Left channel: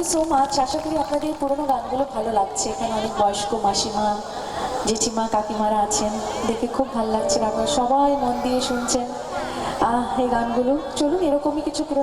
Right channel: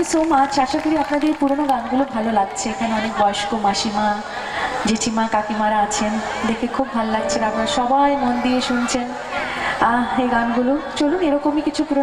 You so much. আশা করি আপনাদের পুরোনো গানগুলো ভালো লাগছে। এখানে অনেক বয়স্ক মাসিমা, জেঠিমা, কাকিমারা আছেন, দেখে খুব ভালো লাগছে। আপনারা সবাই মন দিয়ে শুনছেন এই গানগুলো। চলুন এরকমই কিছু পুরোনো